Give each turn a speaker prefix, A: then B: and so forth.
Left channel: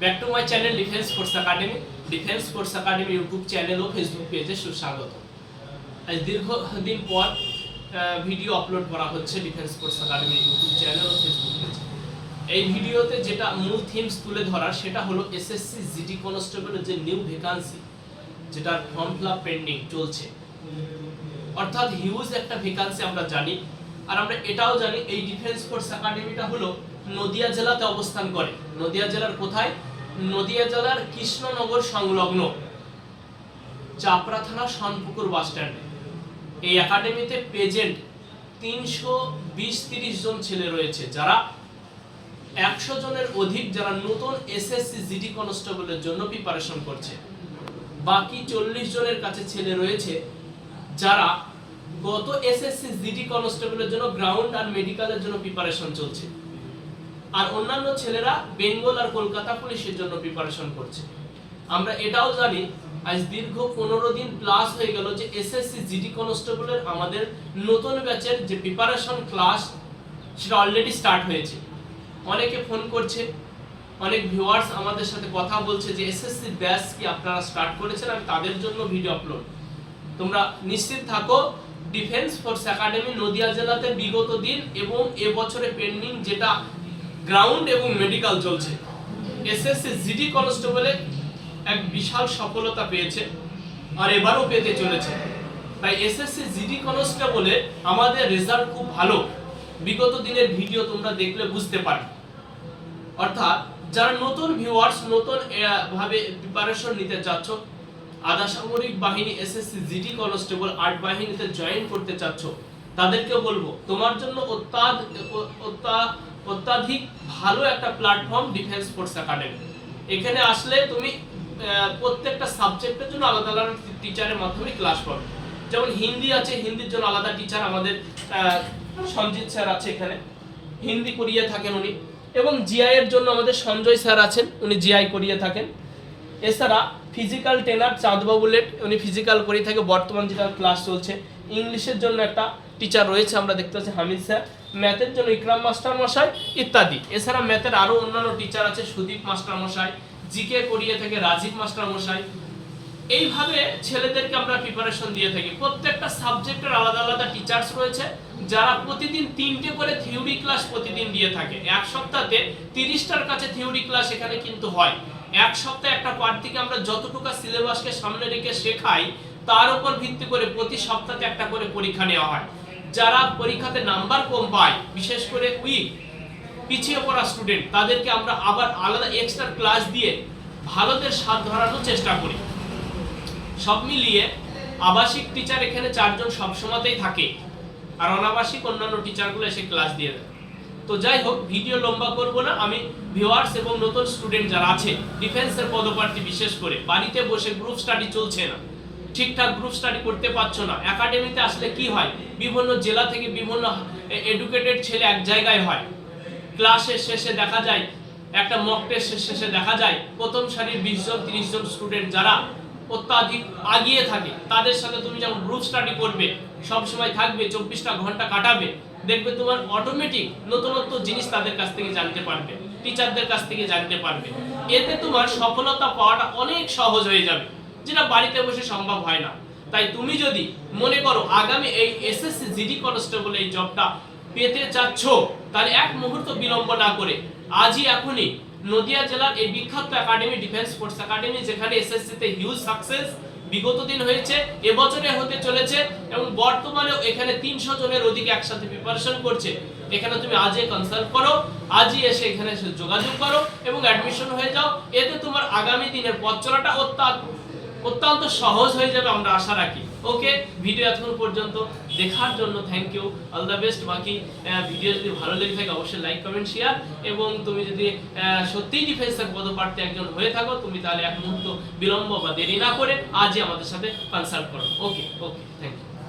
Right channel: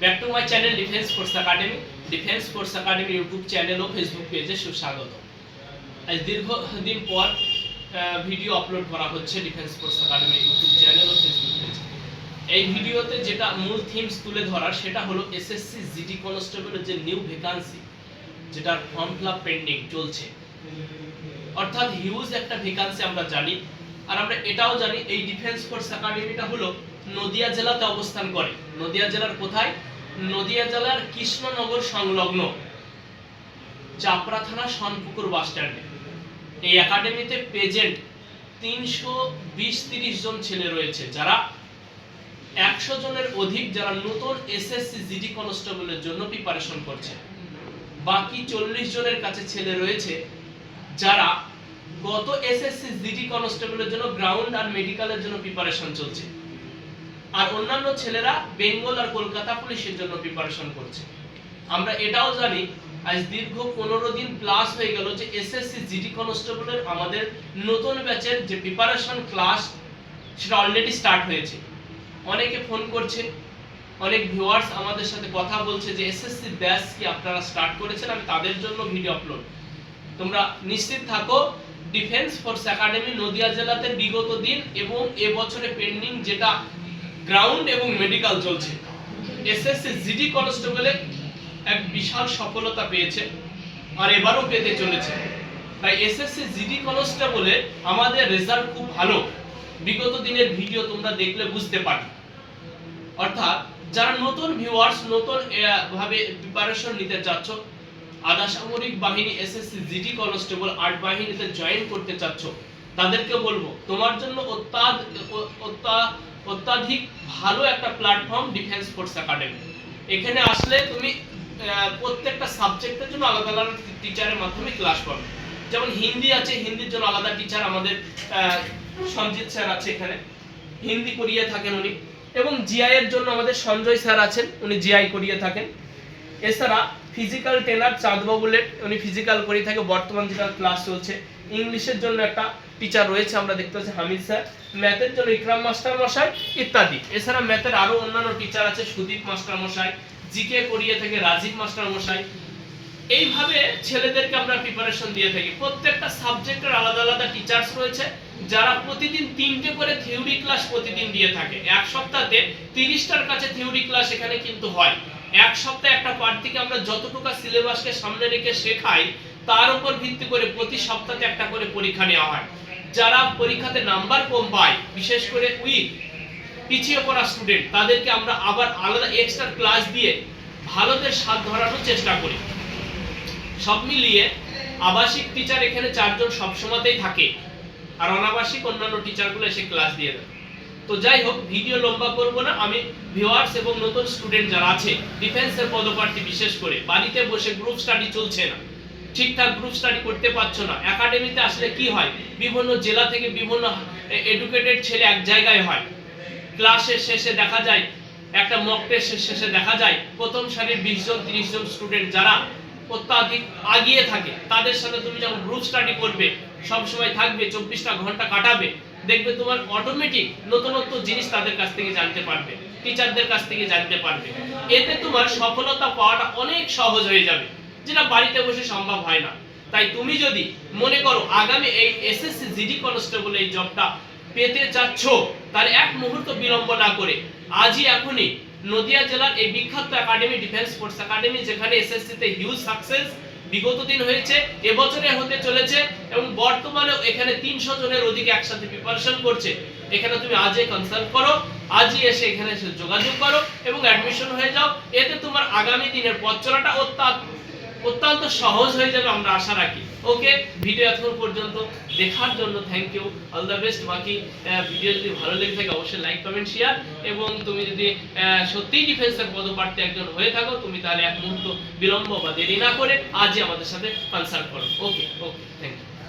A: Back to my channel defence force academy defence force academy YouTube channel O Facebook পেজে সুস্বাগত আজ দীর্ঘদিন পর ভিডিও আপলোড করা হচ্ছে defence force academy YouTube channel ও ফেসবুক পেজে এই ভিডিওতে যেটা মূল থিমস তুলে ধরার, সেটা হলো এসএসসি জিডি কনস্টেবলের যে নিউ ভ্যাকান্সি যেটার ফর্ম ফিল পেন্ডিং চলছে। অর্থাৎ হিউজ একটা ভ্যাকান্সি আমরা জানি। আর আমরা এটাও জানি, এই ডিফেন্স ফোর্স একাডেমিটা হলো নদিয়া জেলাতে অবস্থান করে। নদিয়া জেলার কোথায়? নদিয়া জেলার কৃষ্ণনগর সংলগ্ন চাপড়া থানা সনপুকুর বাস স্ট্যান্ডে। এই একাডেমিতে প্রেজেন্ট তিনশো বিশ তিরিশ জন ছেলে রয়েছে, যারা একশো জনের অধিক যারা নতুন এসএসসি জিডি কনস্টেবলের জন্য প্রিপারেশন করছে। বাকি চল্লিশ জনের কাছে ছেলে রয়েছে, যারা গত এসএসসি জিডি কনস্টেবলের জন্য গ্রাউন্ড আর মেডিকেলের জন্য প্রিপারেশন চলছে। আর অন্যান্য ছেলেরা বেঙ্গল আর কলকাতা পুলিশের জন্য প্রিপারেশন করছে। আমরা এটাও জানি, আজ দীর্ঘ পনেরো দিন প্লাস হয়ে গেল যে এসএসসি জিডি কনস্টেবলের আমাদের নতুন ব্যাচের যে প্রিপারেশন ক্লাস সেটা অলরেডি স্টার্ট হয়েছে। অনেকে ফোন করছে, অনেক ভিউয়ার্স আমাদের সাথে কথা বলছে যে এসএসসি ব্যাচ কি আপনারা স্টার্ট করেছেন? আমি তাদের জন্য ভিডিও আপলোড তোমরা নিশ্চিত থাকো ডিফেন্স ফোর্স একাডেমি নদিয়া জেলাতে বিগত দিন এবং এবছরে পেন্ডিং যেটা গ্রাউন্ড এবং মেডিকেল চলছে। এসএসসি জিডি কনস্টেবলে এক বিশাল সফলতা পেয়েছে আর এবারও পেতে চলেছে। তাই এসএসসি জিডি কনস্টেবলে আমাদের রেজাল্ট খুব ভালো। বিগত দিনের ভিডিও তোমরা দেখলে বুঝতে পারবে। অর্থাৎ যারা নতুন ভিউয়ার্স নতুন ভাবে প্রিপারেশন নিতে চাচ্ছ আধা সামরিক বাহিনী এসএসসি জিডি কনস্টেবল আর্ট বাহিনীতে জয়েন করতে চাচ্ছ। তাদেরকে বলব, তোমার জন্য অত্যাধ অত্যা- অত্যাধিক ভালো একটা প্ল্যাটফর্ম ডিফেন্স ফোর্স একাডেমি এখানে আসলে তুমি প্রত্যেকটা সাবজেক্টের জন্য আলাদা আলাদা টিচারের মাধ্যমে ক্লাস পাবে। যেমন হিন্দি আছে, হিন্দির জন্য আলাদা টিচার আমাদের সঞ্জিত স্যার আছে এখানে। হিন্দি করিয়ে থাকেন উনি। এবং জিআই এর জন্য আমাদের সঞ্জয় স্যার আছেন, উনি জিআই করিয়ে থাকেন। এছাড়া ফিজিক্যাল ট্রেনার চাঁদবাবু লেট উনি ফিজিক্যাল করিয়ে থাকে, বর্তমান যেটা ক্লাস চলছে। ইংলিশের জন্য একটা টিচার রয়েছে, আমরা দেখতে পাচ্ছি হামিদ স্যার। ম্যাথের জন্য ইকরাম মাস্টার মশাই ইত্যাদি। এছাড়া ম্যাথের আরও অন্যান্য টিচার আছে, সুদীপ মাস্টার মশাই জিকে করিয়ে থাকে, রাজীব মাস্টার মশাই এইভাবে ছেলেদেরকে আমরা প্রিপারেশন দিয়ে থাকি। প্রত্যেকটা সাবজেক্টের আলাদা আলাদা টিচার্স রয়েছে, যারা প্রতিদিন তিনটে করে থিওরি ক্লাস প্রতিদিন দিয়ে থাকে। এক সপ্তাহে তিরিশটার কাছে থিওরি ক্লাস এখানে কিন্তু হয়। এক সপ্তাহে একটা পার্ট থেকে আমরা যতটুকু সিলেবাসকে সামনে রেখে শেখাই, তার উপর ভিত্তি করে প্রতি সপ্তাহে একটা করে পরীক্ষা নেওয়া হয়। যারা পরীক্ষাতে নাম্বার কম পায়, বিশেষ করে উইক পিছিয়ে পড়া স্টুডেন্ট তাদেরকে আমরা আবার আলাদা এক্সট্রা ক্লাস দিয়ে ভারতের স্বাদ ধরানোর চেষ্টা করি। সব মিলিয়ে আবাসিক টিচার এখানে চারজন সবসময়তেই থাকে। আর অনাবাসিক অন্যান্য টিচারগুলো এসে ক্লাস দিয়ে দেয়। তো যাই হোক ভিডিও লম্বা করব না। আমি ভিউয়ার্স এবং নতুন স্টুডেন্ট যারা আছে ডিফেন্সের পদপ্রার্থী বিশেষ করে, বাড়িতে বসে গ্রুপ স্টাডি চলছে না। ঠিকঠাক গ্রুপ স্টাডি করতে পারছ না। একাডেমিতে আসলে কি হয়? বিভিন্ন জেলা থেকে বিভিন্ন এডুকেটেড ছেলে এক জায়গায় হয়। ক্লাসের শেষে দেখা যায়, একটা মক টেস্টের শেষে দেখা যায়, প্রথম সারির বিশ জন, তিরিশ জন স্টুডেন্ট যারা অত্যাধিক আগিয়ে থাকে। তাদের সাথে তুমি যখন গ্রুপ স্টাডি করবে সব সময় থাকবে, চব্বিশটা ঘণ্টা কাটাবে, দেখবে তোমার অটোমেটিক নতুনত্ব জিনিস তাদের কাছ থেকে জানতে পারবে টিচারদের কাছ থেকে জানতে পারবে। এতে তোমার সফলতা পাওয়াটা অনেক সহজ হয়ে যাবে, যেটা বাড়িতে বসে সম্ভব হয় না। তাই তুমি যদি মনে করো আগামী এই এসএসসি জিডি কনস্টেবল এই জবটা পেতে চাচ্ছ, তাহলে এক মুহূর্ত বিলম্ব না করে, আজই এখনই নদিয়া জেলার এই বিখ্যাত একাডেমি ডিফেন্স ফোর্স একাডেমি যেখানে এসএসসি তে হিউজ সাকসেস বিগত দিন হয়েছে, এবছরে হতে চলেছে এবং বর্তমানে এখানে তিনশো জনের অধিক একসাথে প্রিপারেশন করছে। এখানে তুমি আজই কনসাল্ট করো, আজই এসে এখানে এসে যোগাযোগ করো এবং অ্যাডমিশন হয়ে যাও। এতে তোমার আগামী দিনের পথ চলাটা অত্যন্ত অত্যন্ত সহজ হয়ে যাবে, আমরা আশা রাখি। ওকে ভিডিও এখন পর্যন্ত দেখার জন্য thank you all the best বাকি ভিডিও যদি ভালো লেগে থাকে, অবশ্যই লাইক কমেন্ট শেয়ার এবং তুমি যদি সত্যিই ডিফেন্সের পদপ্রার্থী একজন হয়ে থাকো, তুমি তাহলে এক মুহূর্ত বিলম্ব বা দেরি না করে আজই আমাদের সাথে কনসাল্ট করো। ওকে ওকে থ্যাংক ইউ